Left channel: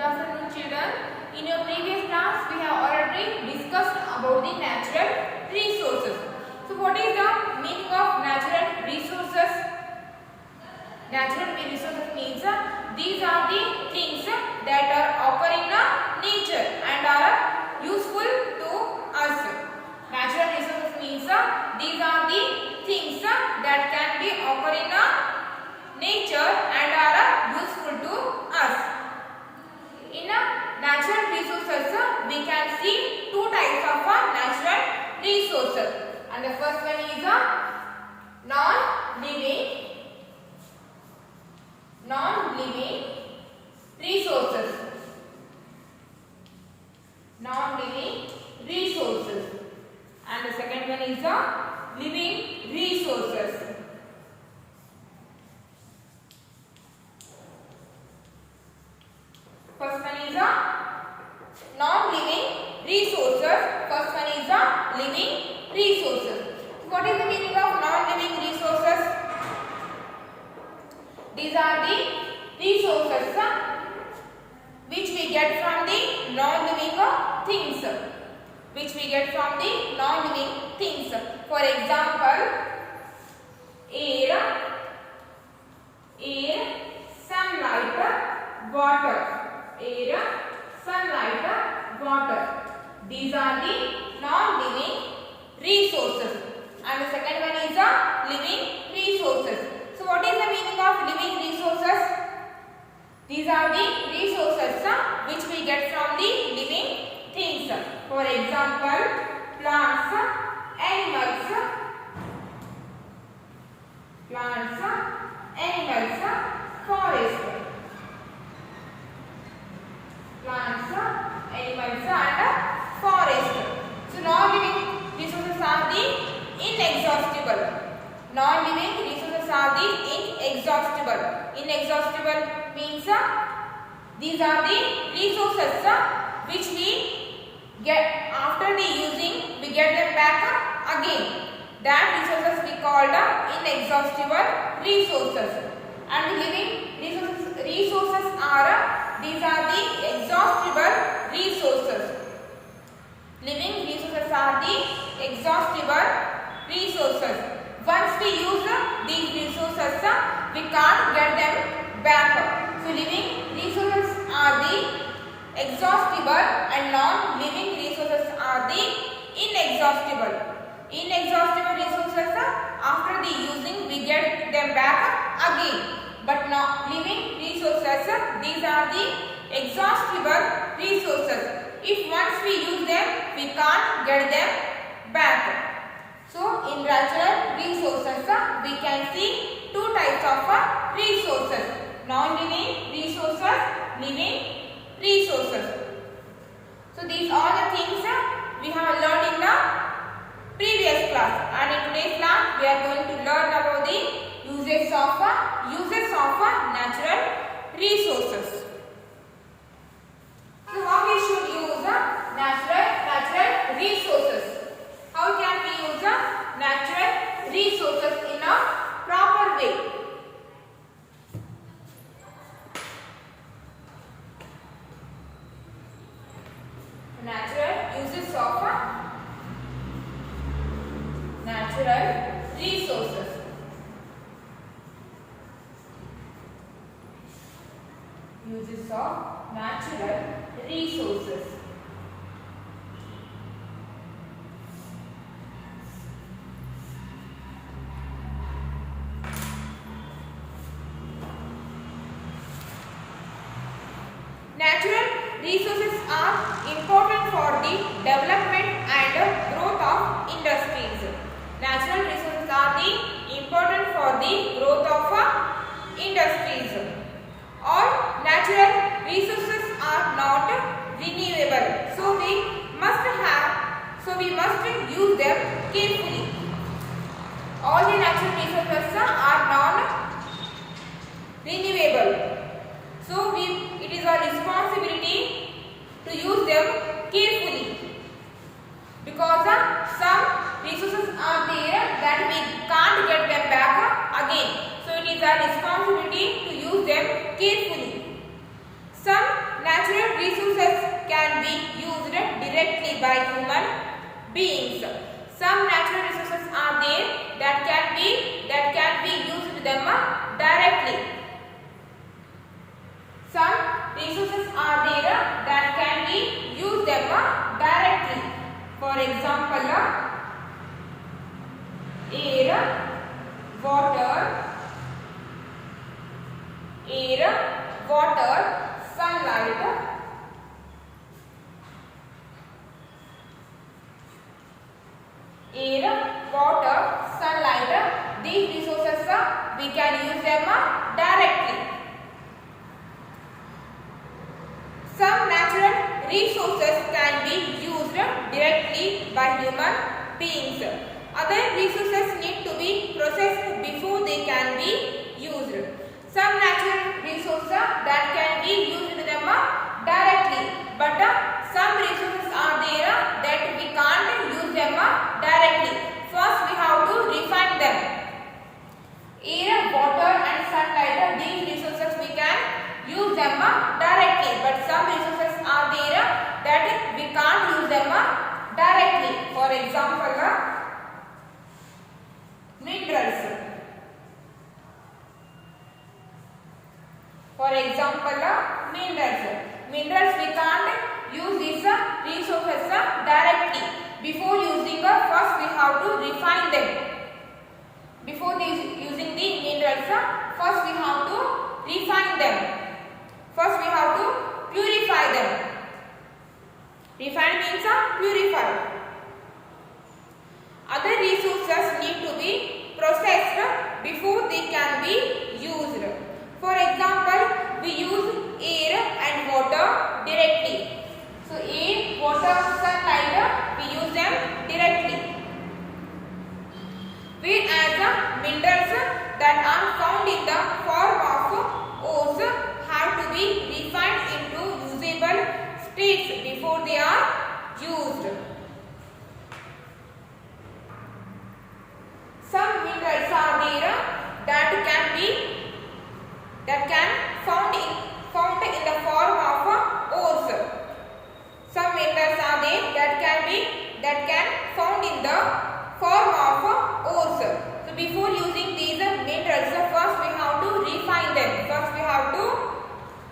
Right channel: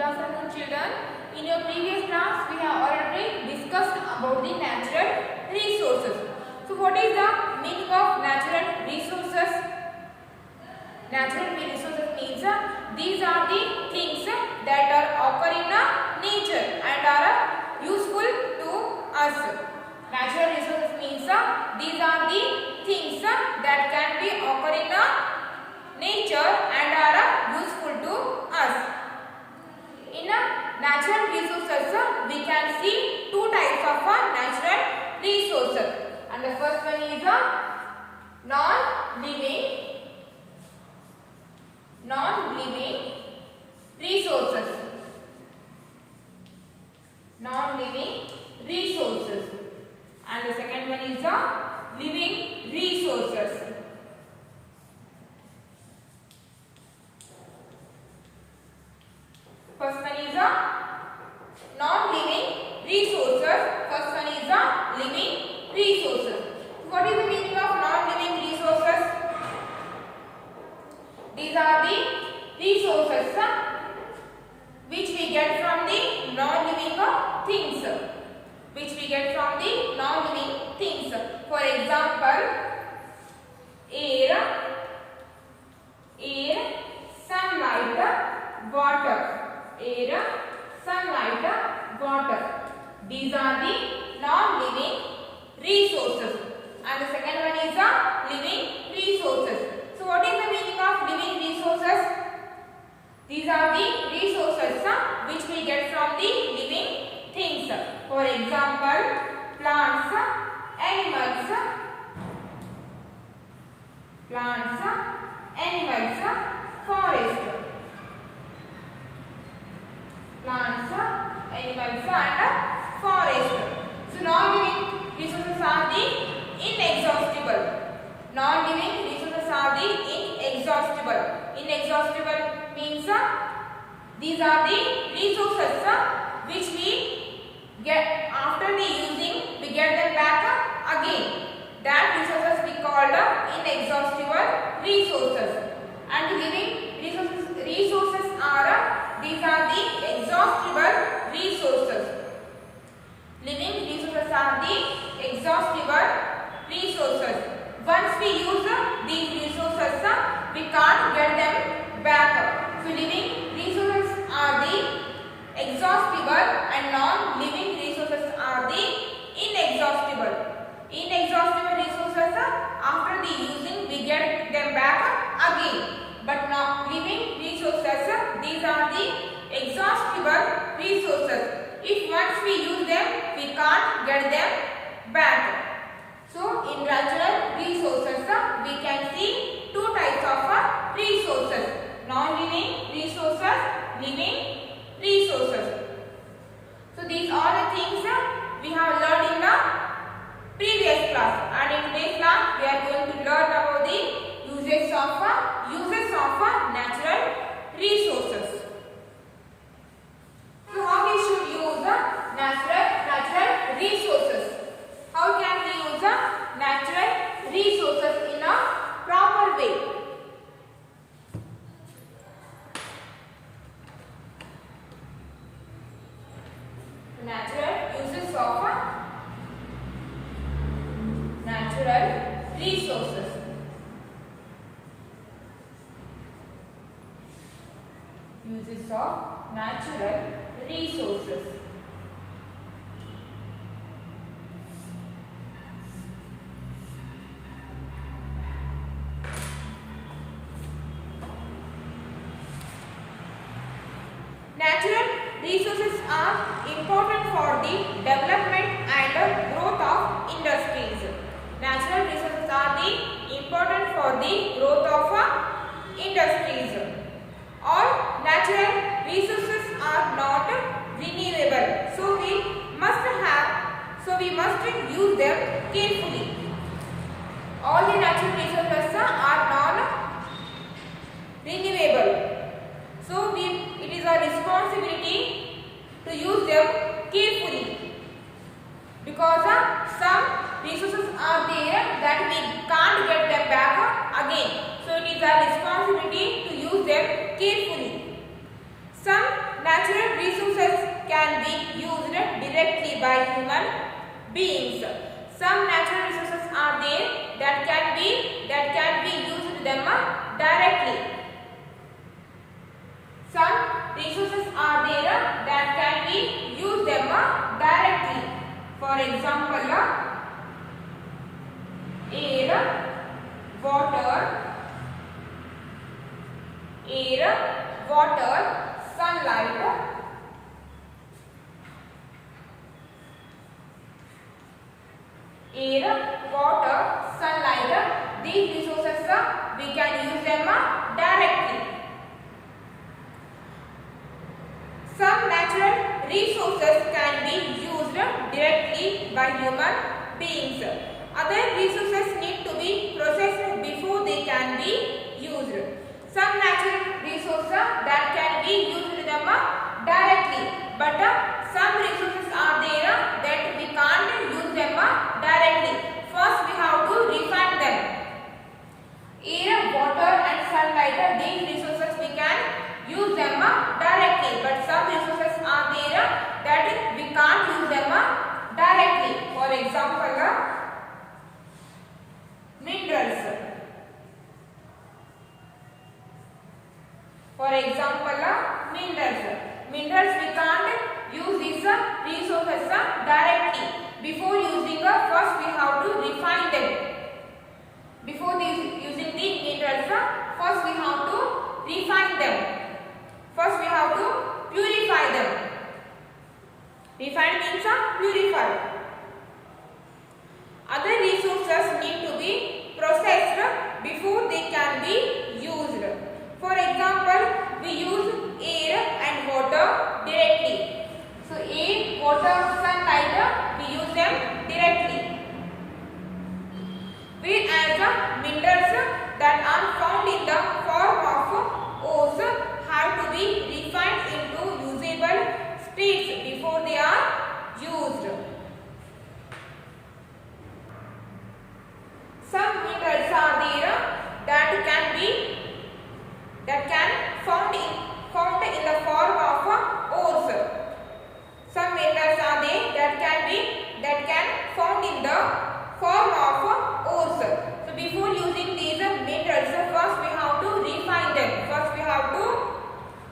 Good afternoon, children. In your previous class, we have already discussed about the natural resources. So, what is the meaning of natural resources? Natural resources means these are the things that are occur in nature and are useful to us. Natural resources means these are the things that can be occur in nature and are useful to us. In natural resources, we can see two types of natural resources, and the first one is non-living resources. Non-living resources, and the second one is living resources. First one is non-living resources. First one is living resources. What is the meaning of non-living resources? These are the resources which we get from the non-living things. Which we get from the non-living things. For example, air, sunlight, water. Air, sunlight, water. These are the non-living resources. And the second one is living resources. So, what is the meaning of living resources? These are the resources which we get from the living things. For example, plants, animals, forest. Plants, animals and forest. So, non-living resources are the inexhaustible. Non-living resources are the inexhaustible. Inexhaustible means these are the resources which we get after the using, we get them back again. That resources we called inexhaustible resources. And living resources are these are the exhaustible resources. Living resources are the exhaustible resources. Once we use these resources, we can't get them back. So, living resources are the exhaustible and non-living resources are the inexhaustible. Inexhaustible resources, after the using, we get them back again. But not living resources, these are the exhaustible resources. If once we use them, we can't get them back. So, in natural resources, we can see two types of resources. Non-living resources, living resources. So, these are the things we have learned in the previous class. And in today's class, we are going to learn about the uses of natural resources. So, how we should use natural resources? How can we use natural resources in a proper way? Natural uses of natural resources. Uses of natural resources. Natural resources are important for the development and growth of industries. Natural resources are the important for the growth of industries. All natural resources are not renewable, so we must use them carefully. All the natural resources are non-renewable, so it is our responsibility to use them carefully, because some resources are there that we can't get them back again. So it is our responsibility to use them carefully. Some natural natural resources can be used directly by human beings. Some natural resources are there that can be used them directly. Some resources are there that can be used them directly. For example, air, water, sunlight, these resources we can use them directly. Some natural resources can be used directly by human beings. Other resources need to be processed before they can be used. Some natural resources that can be used them directly, but some resources are there that we can't use them directly. First we have to refine them. Air, water and sunlight, these resources we can use them directly, but some resources are there that we can't use them directly. For example, minerals. Minerals we can't use these resources directly. Before using, first we have to refine them. Before using the minerals, first we have to refine them. First we have to purify them. Refine means purify. Other resources need to be processed before they can be used. For example, we use air and water directly. So air, water, sunlight, we use them directly. Whereas minerals that are found in the form of ores have to be refined into usable states before they are used. Some minerals are there that can found in the form of ores. Some minerals are there that can found in the form of ores. So before using these minerals, first we have to refine them. First we have to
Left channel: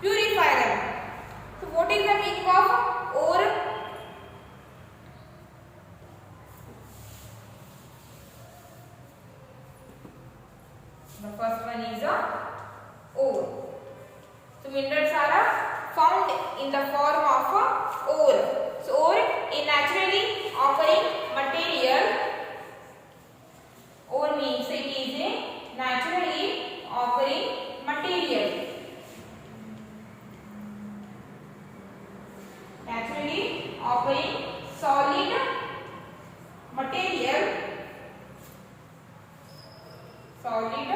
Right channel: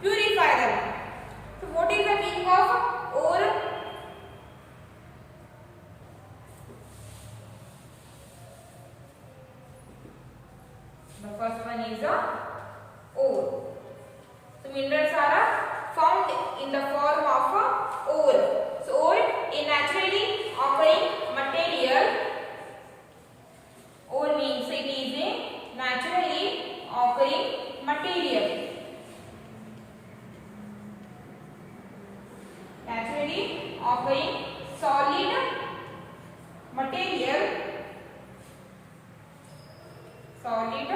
purify them. So what is the meaning of ore? The first one is ore. So minerals are found in the form of ore. So ore is naturally occurring material. Ore means it is a naturally occurring material. Naturally occurring solid material. Solid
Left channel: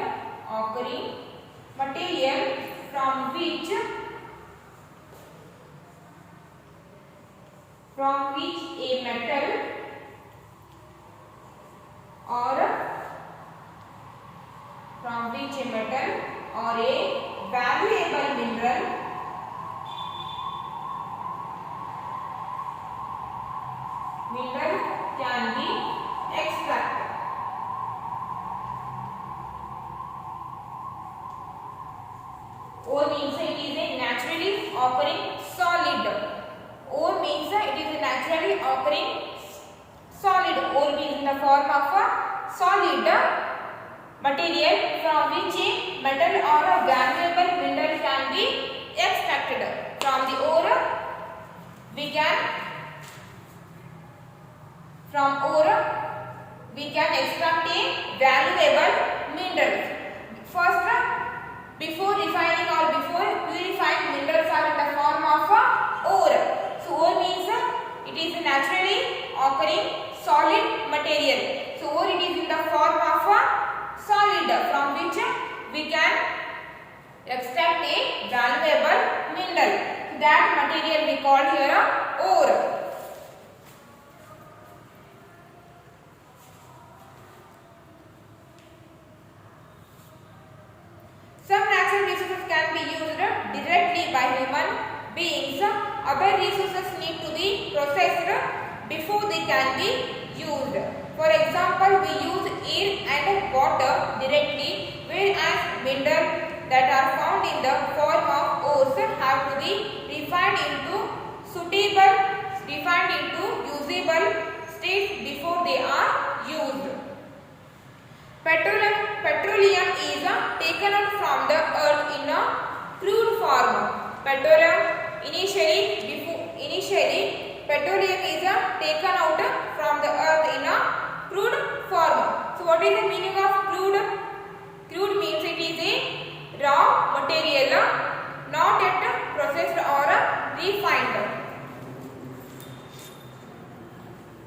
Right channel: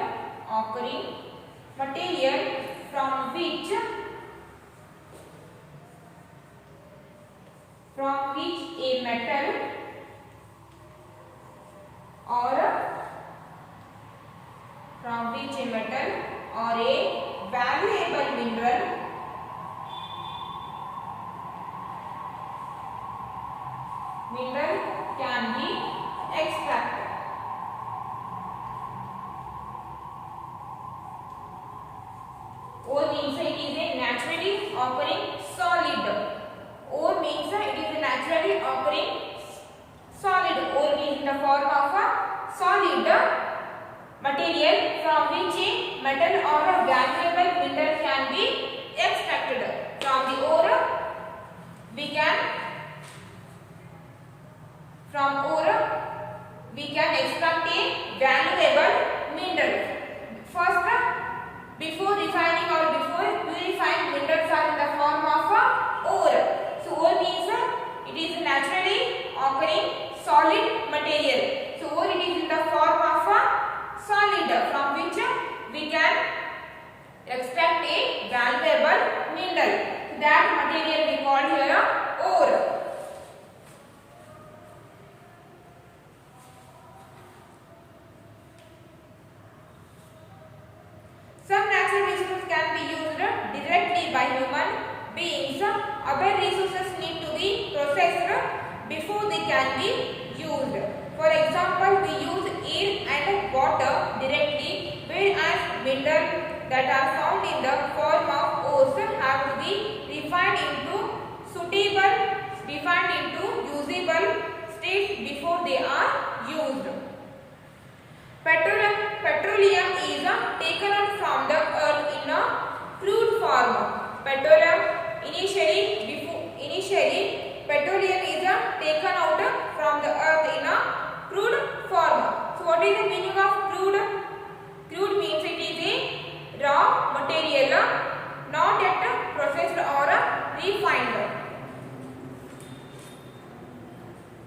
occurring material from which a metal or a valuable mineral can be extracted. Ore means it is a naturally occurring solid. Ore means it is a naturally occurring solid. Ore means in the form of a solid material from which a metal or a valuable mineral can be extracted. From the ore we can extract a valuable mineral. First, before refining or before purifying, minerals are in the form of ore. So ore means it is a naturally occurring solid material. So ore it is in the form of a solid from which we can extract a valuable mineral. So that material we call here ore. Some natural resources can be used directly by human beings, other resources need to be processed before they can be used. For example, we use air and water directly, whereas minerals that are found in the form of ores have to be refined into usable states before they are used. Petroleum is taken out from the earth in a crude form. Initially petroleum is taken out from the earth in a crude form. So what is the meaning of crude? Crude means it is a raw material, not yet processed or refined.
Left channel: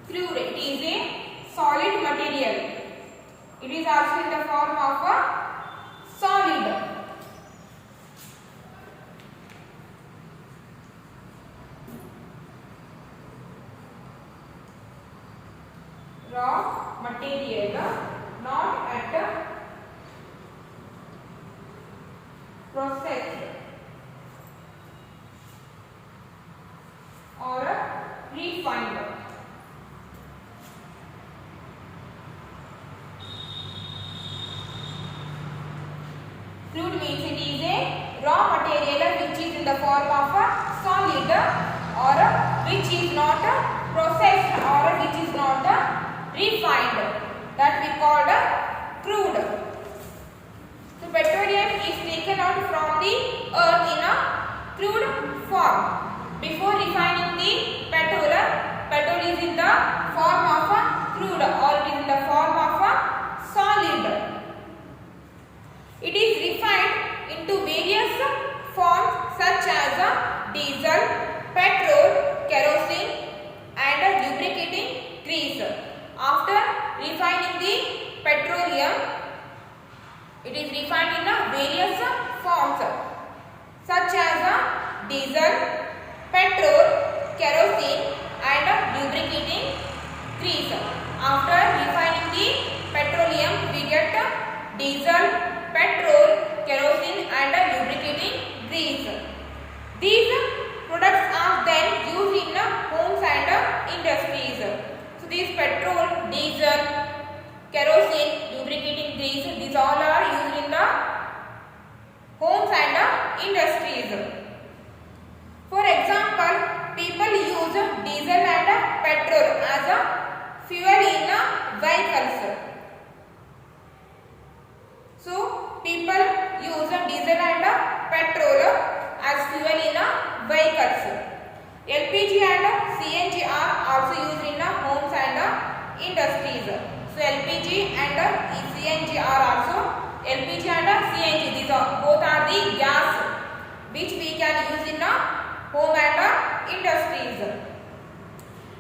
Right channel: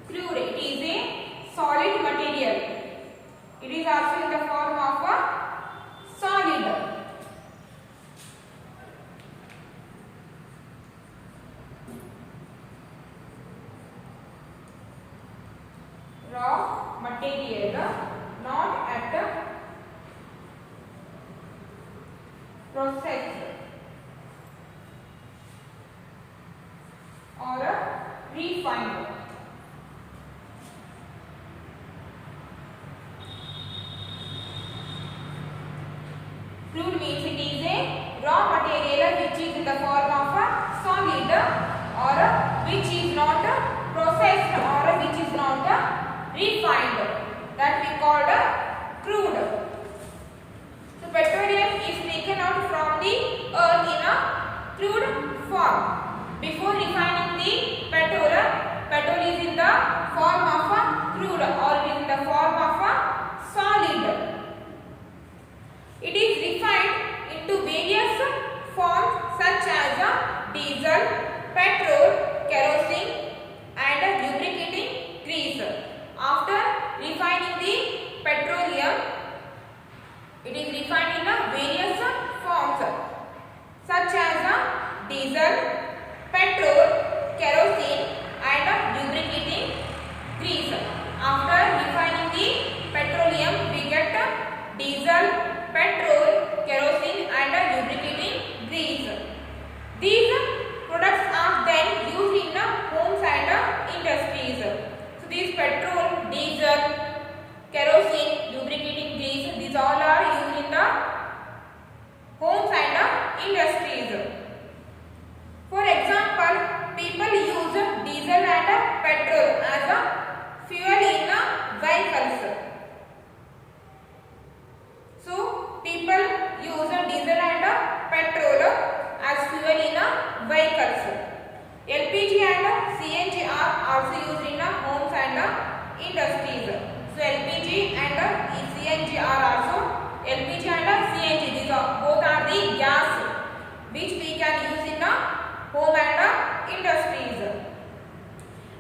Crude, it is a solid material. It is also in the form of a solid. Raw material, not at processed or refined. Crude means it is a raw material which is in the form of a solid or which is not processed or which is not refined, that we called crude. So petroleum is taken out from the earth in a crude form. Before refining the petrol is in the form of a crude or it is in the form of a solid. It is refined into various forms such as diesel, petrol, kerosene and lubricating grease. After refining the petroleum, it is refined in various forms such as diesel, petrol, kerosene and lubricating grease. After refining the petroleum, we get diesel, petrol, kerosene and lubricating grease. These products are then used in homes and industries. So these petrol, diesel, kerosene, lubricating grease, these all are used in the homes and industries. For example, people use diesel and petrol as a fuel in vehicles. So people use diesel and petrol as fuel in vehicles. LPG and CNG are also used in homes and industries. So LPG and CNG are also LPG and CNG. These are both are the gas which we can use in home and industries.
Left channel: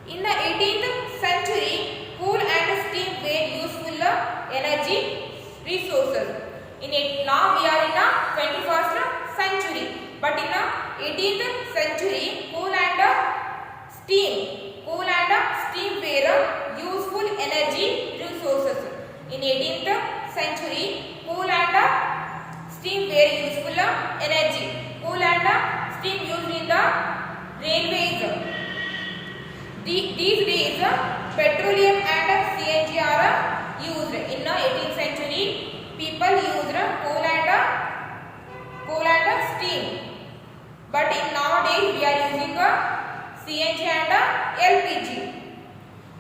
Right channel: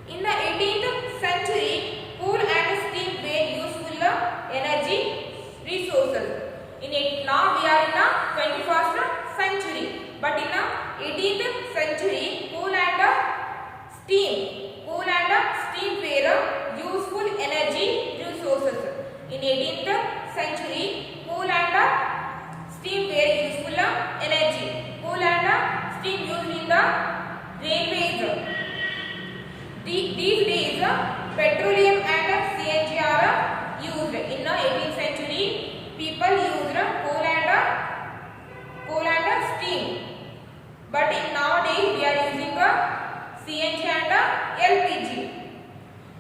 In the 18th century, coal and steam were useful energy resources. Now we are in the 21st century, but in the 18th century, coal and steam were useful energy resources. In 18th century, coal and steam were useful energy. Coal and steam used in the railways. These days, petroleum and CNG are used. In the 18th century, people used coal and steam, but in nowadays we are using CNG and LPG.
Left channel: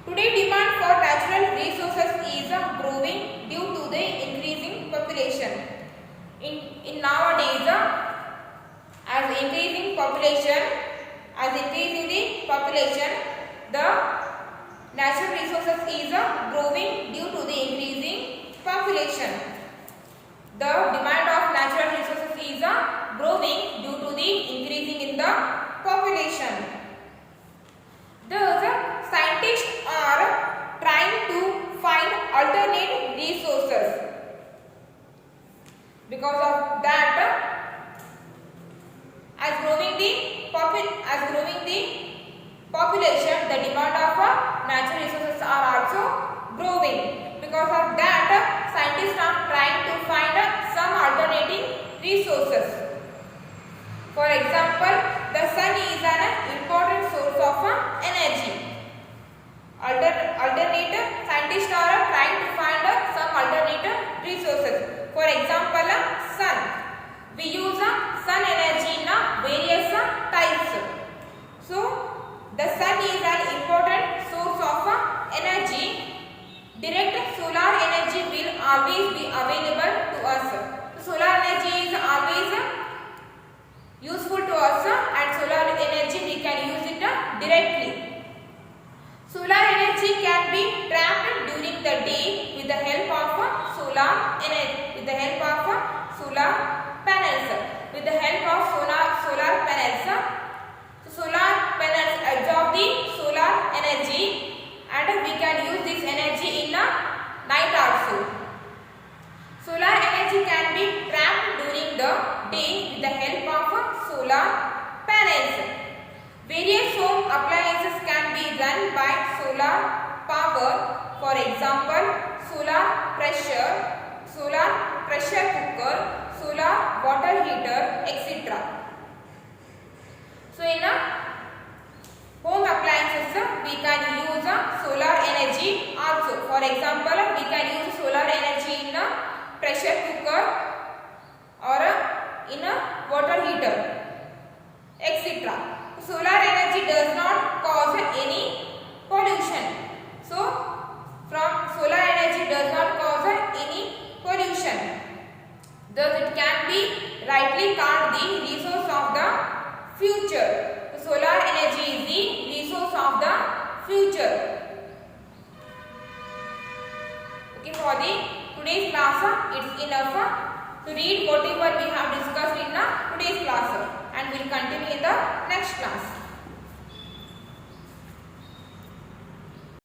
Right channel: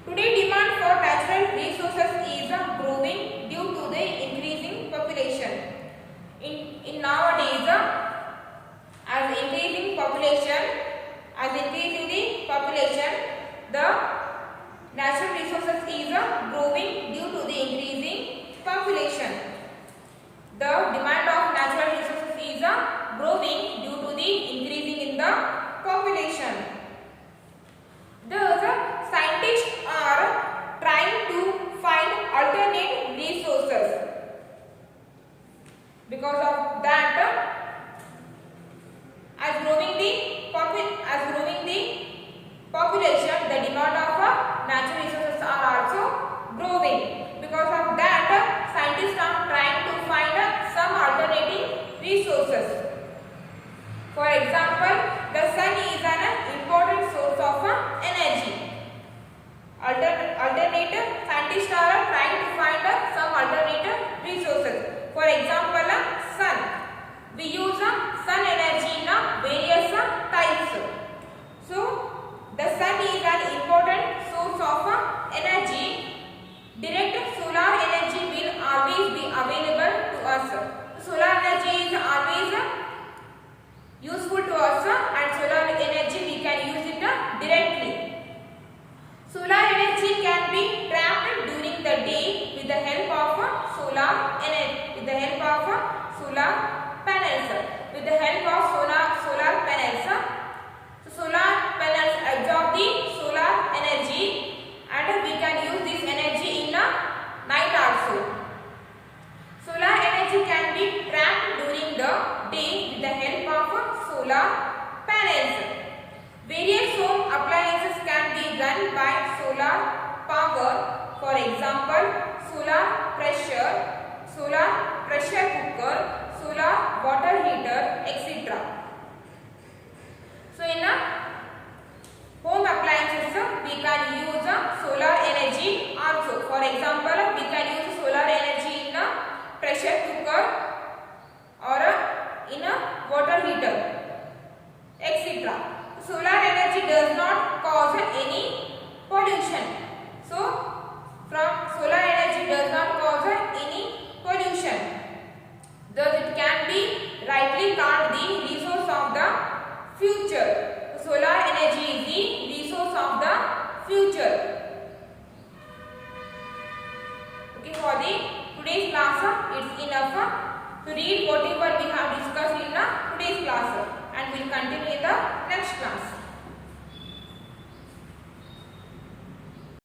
Today, demand for natural resources is growing due to the increasing population. In nowadays, as increasing the population, the natural resources is growing due to the increasing population. The demand of natural resources is growing due to the increasing in the population. Thus, scientists are trying to find alternate resources. Because of that, as growing the population, the demand of natural resources are also growing. Because of that, scientists are trying to find some alternative resources. For example, the sun alternative. Scientists are trying to find some alternative resources. For example, sun. We use sun energy in various types. So the sun is an important source of energy. Direct solar energy will always be available to us. Solar energy is always useful to us, and solar energy we can use it directly. Solar energy can be trapped during the day with the help of solar energy, with the help of solar panels. With the help of solar panels, so solar panels absorb the solar energy, and we can use this energy in the night also. Solar energy can be trapped during the day with the help of solar panels. Various home appliances can be run by solar power. For example, solar pressure cooker, solar water heater, etc. So in home appliances we can use solar energy also. For example, we can use solar energy in a pressure cooker or in a water heater, etc. Solar energy does not cause any pollution. So from solar energy does not cause any pollution. Thus it can be rightly called the resource of the future. Solar energy is the resource of the future. Okay, for the today's class it's enough to read whatever we have discussed in the today's class, and we will continue in the next class.